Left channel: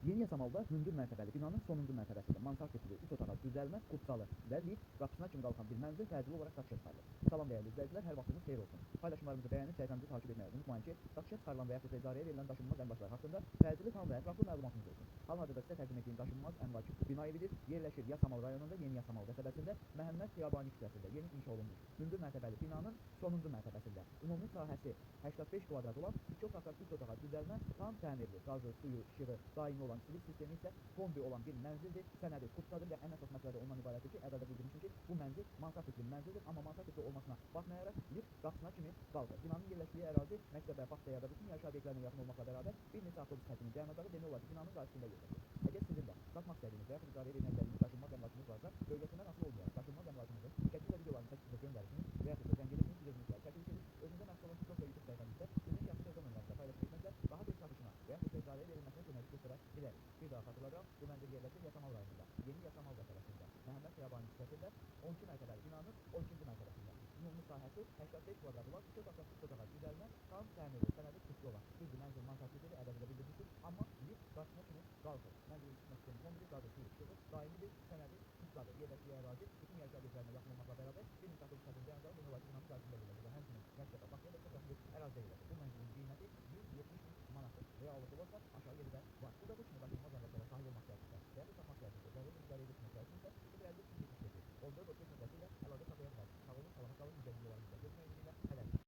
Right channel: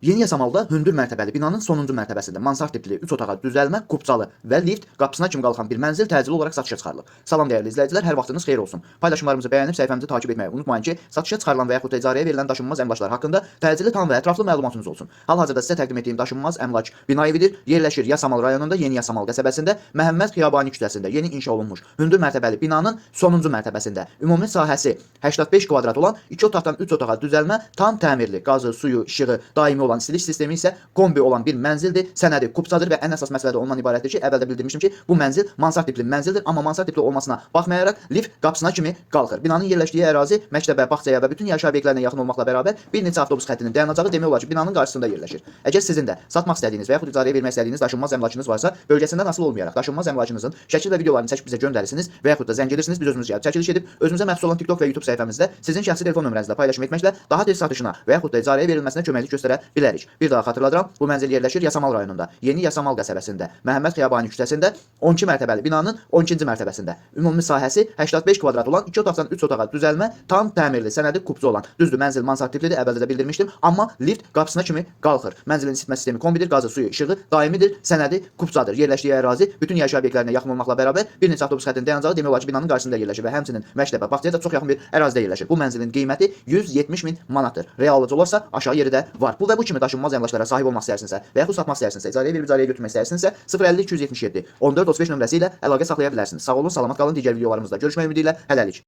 Yeni Yasamalda hündür mərtəbəli binanın sonuncu mərtəbəsində mansard tipli 3 otağa düzəlmə, kubcalı və lift qapısına kimi qalxan bir mənzil təcili olaraq satışa çıxarılıb. Salam dəyərli izləyicilər, hər vaxtınız xeyir olsun. Paylaşımlarımızı bəyənib səhifəmizi takib etməyi unutmayın ki, satışa çıxarılan və yaxud da icarəyə verilən daşınmaz əmlaklar haqqında təcili tam və ətraflı məlumatınız olsun. Hal-hazırda sizə təqdim etdiyim daşınmaz əmlak bina evidir. Yerləşir Yasamal rayonunda Yeni Yasamal qəsəbəsində Məhəmməd Xiyabani küçəsində yeni inşa olunmuş hündür mərtəbəli binanın sonuncu mərtəbəsində. Ümumi sahəsi 85 kvadrat olan 2 otaqdan 3 otağa düzəlmə, tam təmirli, qazı, suyu, işığı, daimi olan istilik sistemi isə kombi olan bir mənzildir. Sənədi kubcadır və ən əsas məsələ də ondan ibarətdir ki, əvvəldə bildirmişdim ki, bu mənzil mansard tipli mənzildir, amma mansard tipli olmasına baxmayaraq lift qapısına kimi qalxır. Binanın yerləşdiyi ərazi məktəbə, bağçaya və bütün yaşayış obyektlərinə yaxın olmaqla bərabər bir neçə avtobus xəttinin dayanacağı demək olar ki, binanın qarşısında yerləşir. Əgər sizin də satmaq istədiyiniz və yaxud icarəyə vermək istədiyiniz daşınmaz əmlakınız varsa, bölgəsindən asılı olmayaraq daşınmaz əmlakınızın şəkil və videolarını çəkib bizə göndərirsiniz və yaxud da zəng edirsiniz, biz özümüz gəlib çəkiliş edib özümüzə məxsus olan TikTok və YouTube səhifəmizdə sizin şəxsi telefon nömrənizlə paylaşım etməklə daha tez satışına və yaxud da icarəyə verilməsinə köməklik göstərə bilərik. Bir daha xatırladıram, bu mənzil yerləşir Yasamal rayonunda, Yeni Yasamal qəsəbəsində, Məhəmməd Xiyabani küçəsində 12 mərtəbəli binanın 12-ci mərtəbəsində. Ümumi sahəsi 85 kvadrat olan 2 otaqdan 3 otağa düzəlmə, tam təmirli, sənədi kubcu olan. Düzdür, mənzil mansard tiplidir, əvvəldə də bildirmişdim, amma lift qapısına kimi qalxır. Mənzilin isitmə sistemi kombidir, qazı, suyu, işığı daimidir, sənədi kubcadır. Yerləşdiyi ərazi bütün yaşayış obyektlərinə yaxın olmaqla bərabər bir neçə avtobus xəttinin dayanacağı demək olar ki, binanın qarşısında yerləşir və həmçinin məktəbə, bağçaya da çox yaxın bir ərazidə yerləşir. Bu mənzilin qiyməti 170 min manatdır. Reallıca olarsa aşağı yeri də var. Bu və bu kimi daşınmaz əmlaklara sahib olmaq istəyirsinizsə və yaxud satmaq istəyirsinizsə, icarəyə verib icarəyə götürmək istəyirsinizsə 050 277 14 35 nömrəsi ilə əlaqə saxlaya bilərsiniz. Sağ olun, salamat qalın. Digər videolarımızda görüşmək ümidi ilə hələlik.